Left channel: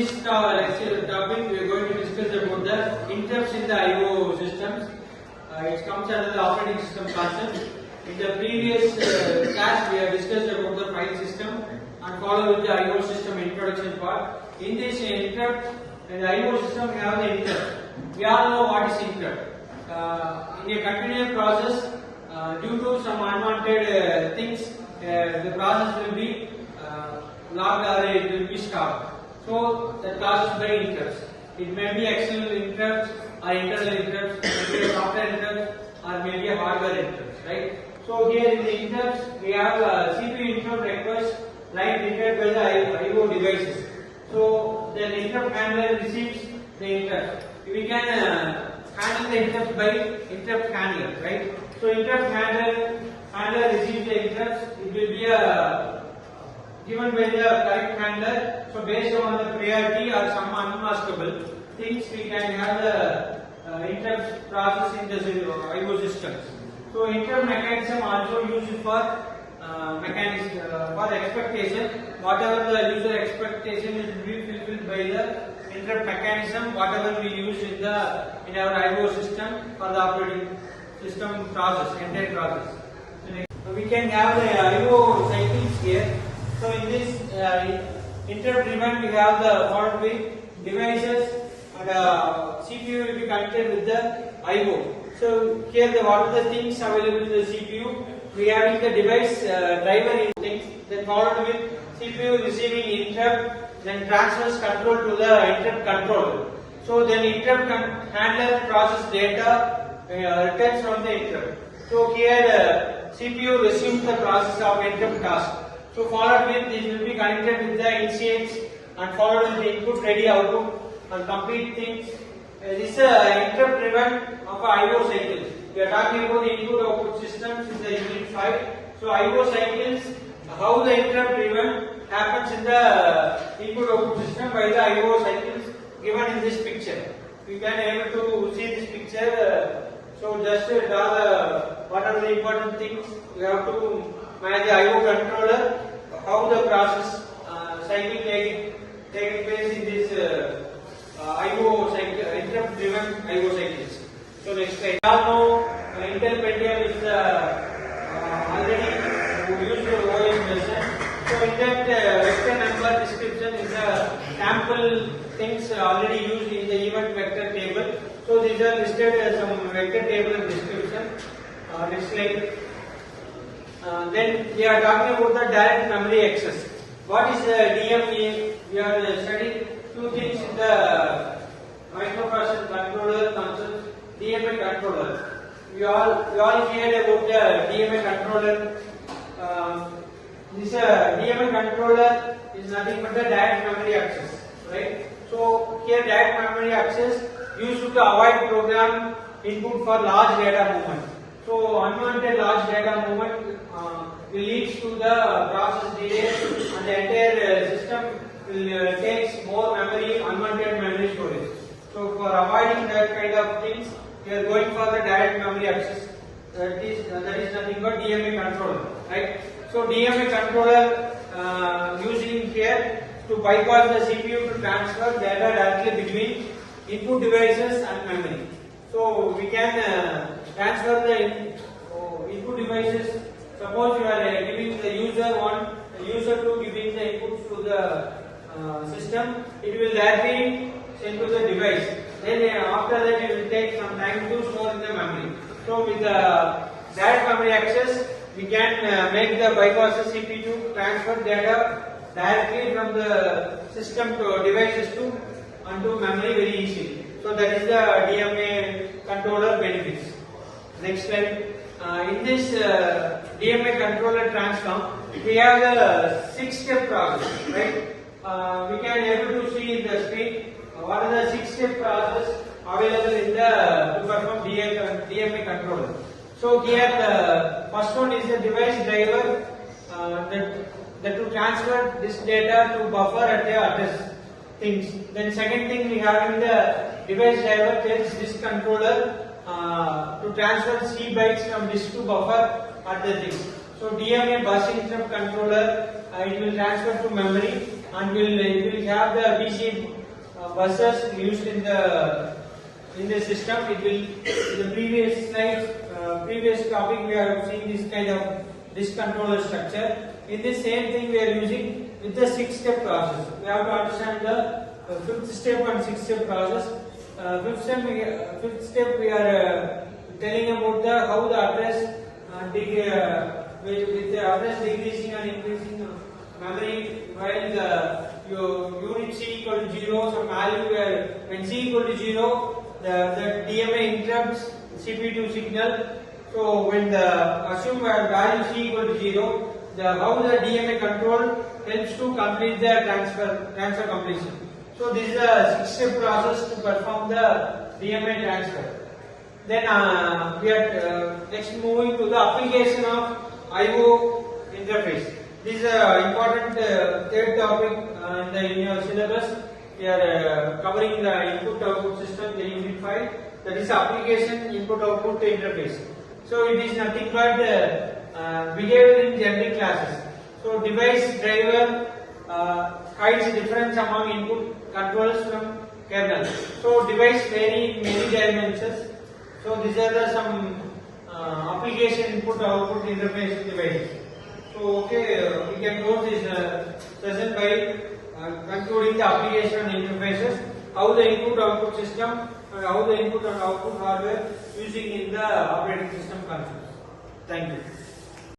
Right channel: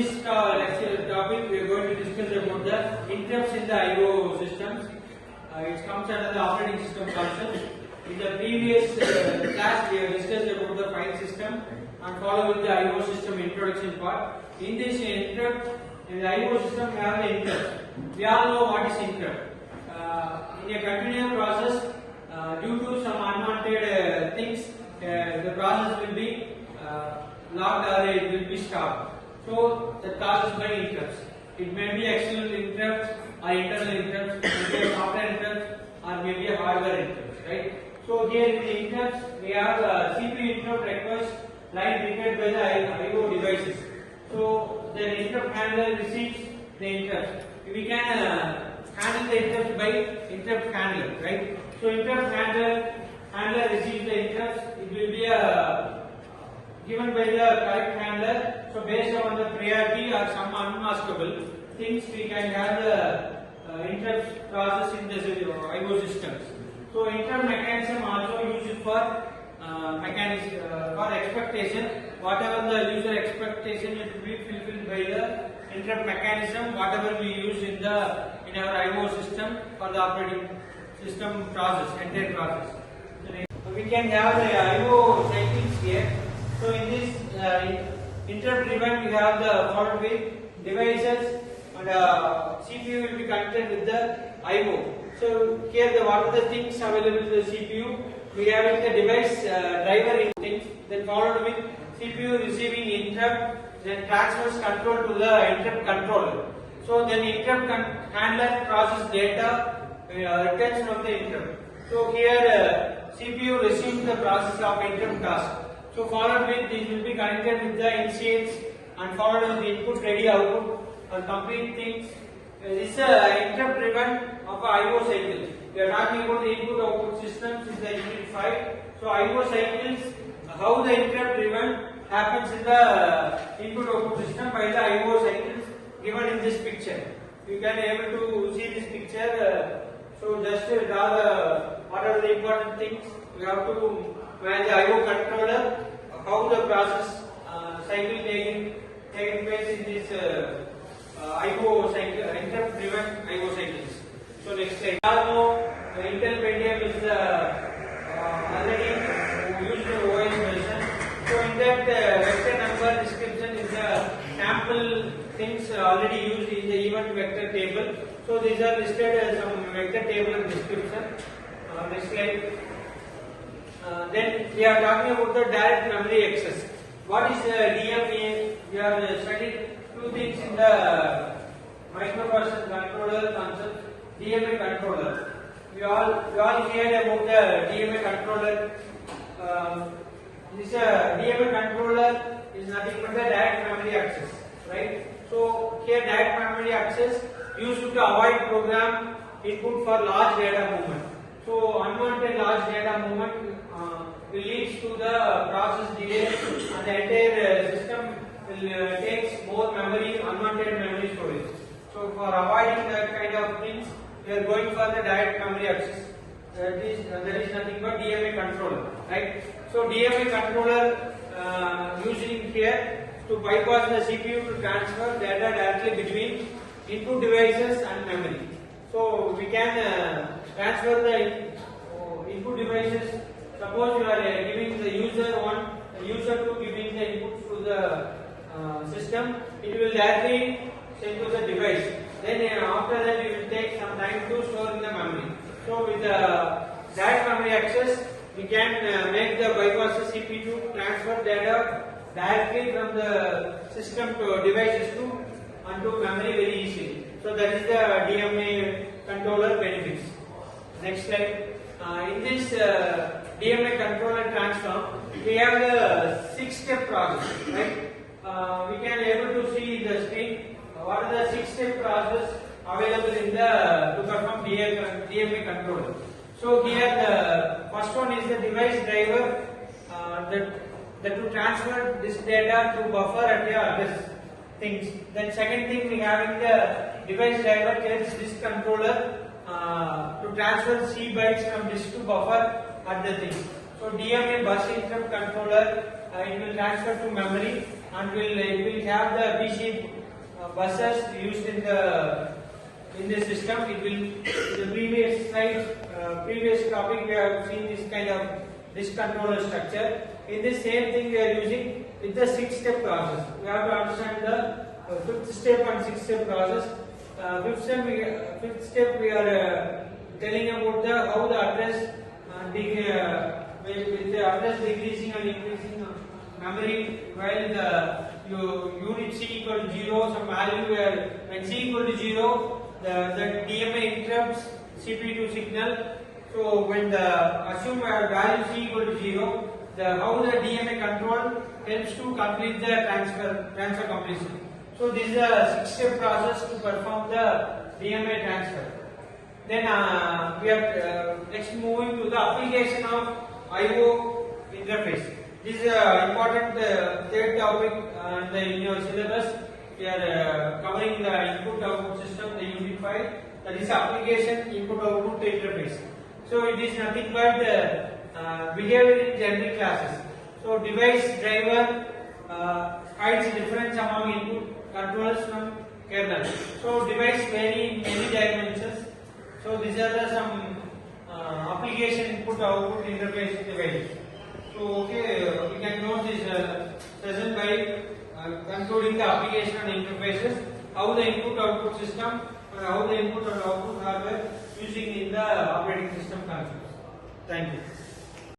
this lecture topic, we are going to discuss about the interrupts in the I/O systems. It comes under the operating system concept. In the previous class, we have discussed about the file system and follow with the I/O system introduction part. In this interrupt, in the I/O system, we have the interrupt. We all know what is interrupt. In a continuous process, due to some unwanted things, the process will be locked or it will be stopped. So that causes by interrupts. It may be external interrupts or internal interrupts, maybe software interrupts or maybe a hardware interrupts, right? So here in the interrupts, we have CPU interrupt request line triggered by the I/O devices. So the interrupt handler receives the interrupt. We can handle the interrupt by interrupt handler, right? So interrupt handler receives the interrupts. It will be given by the correct handler. So based on the priority or some unmaskable things, we can have the interrupt process in the I/O systems. So interrupt mechanism also used for for expectation. Whatever the user expectation is to be fulfilled by the interrupt mechanism. Whatever we use in our I/O system for the operating system process, entire process. So we can have the I/O cycles here. So in this interrupt driven, we have the forward with devices and CPU will be connected with the I/O. So here what are the things available to the CPU? We are having the device driver in things, then followed with CPU receiving interrupt, then transfers control to the interrupt controller. So then interrupt handler process data returns from the interrupt. So here CPU receives the process of interrupt task. So followed with this will be connected with the initiates and followed with the input ready output and complete things. This is interrupt driven of I/O cycles. We are talking about the input output systems in the unit 5. So I/O cycles, how the interrupt driven happens in the input output system by the I/O cycles given in this picture. You can able to see this picture. So just to draw what are the important things, you have to manage the I/O controller, how the process cycle taking place in this I/O cycle, interrupt driven I/O cycles. So next slide. Now Intel Pentium is already used the OS version. So in that vector number description is sample things already used in the event vector table. So these are listed as some vector table and description. Next slide. Then we are talking about the direct memory access. What is DME? We are studying two things in the microprocessor controller concept. DMA controller. We all heard about the DMA controller. This DMA controller is nothing but the direct memory access, right? So here direct memory access used to avoid program input for large data movement. So unwanted large data movement will lead to the process delay and the entire system will take more memory, unwanted memory storage. So for avoiding that kind of things, we are going for the direct memory access. That is nothing but DMA controller, right? So DMA controller using here to bypass the CPU to transfer data directly between input devices and memory. So we can transfer the input devices. Suppose you are giving the user 2 giving the input to the system, it will directly send to the device. Then after that it will take some time to store in the memory. So with the direct memory access, we can make the bypass the CPU to transfer data directly from the system to devices onto memory very easily. So that is the DMA controller benefits. Next slide. In this DMA controller transform, we have the 6-step process, right? We can able to see in the screen what are the 6-step process available in to perform DMA controller. So here the first one is the device driver that to transfer this data to buffer at the address things. Then second thing we have in the device driver tells this controller to transfer C bytes from disk to buffer at the thing. So DMA bus interrupt controller, it will transfer to memory and it will have the BC buses used in the system. It will, in the previous slides, previous topic we have seen this kind of this controller structure. In this same thing we are using with the 6-step process. We have to understand the 5th step and 6th step process. 5th step we are telling about the how the address with the address decreasing or increasing memory while the your unit C equal to 0, some value where when C equal to 0, the DMA interrupts CPU signal. So when the assume value C equal to 0, how the DMA control helps to complete the transfer completion. So this is a 6-step process to perform the DMA transfer. Then we are next moving to the application of I/O interface. This is an important third topic in your syllabus. We are covering the input-output system, the unit 5. That is application input-output interface. So it is nothing but behavior in generic classes. So device driver hides difference among input controllers from kernel. So device vary in many dimensions. So these are some application input-output interface devices. So okay, we can close this session by concluding the application and interfaces, how the input-output system, how the input and output hardware using in the operating system controls. Thank you.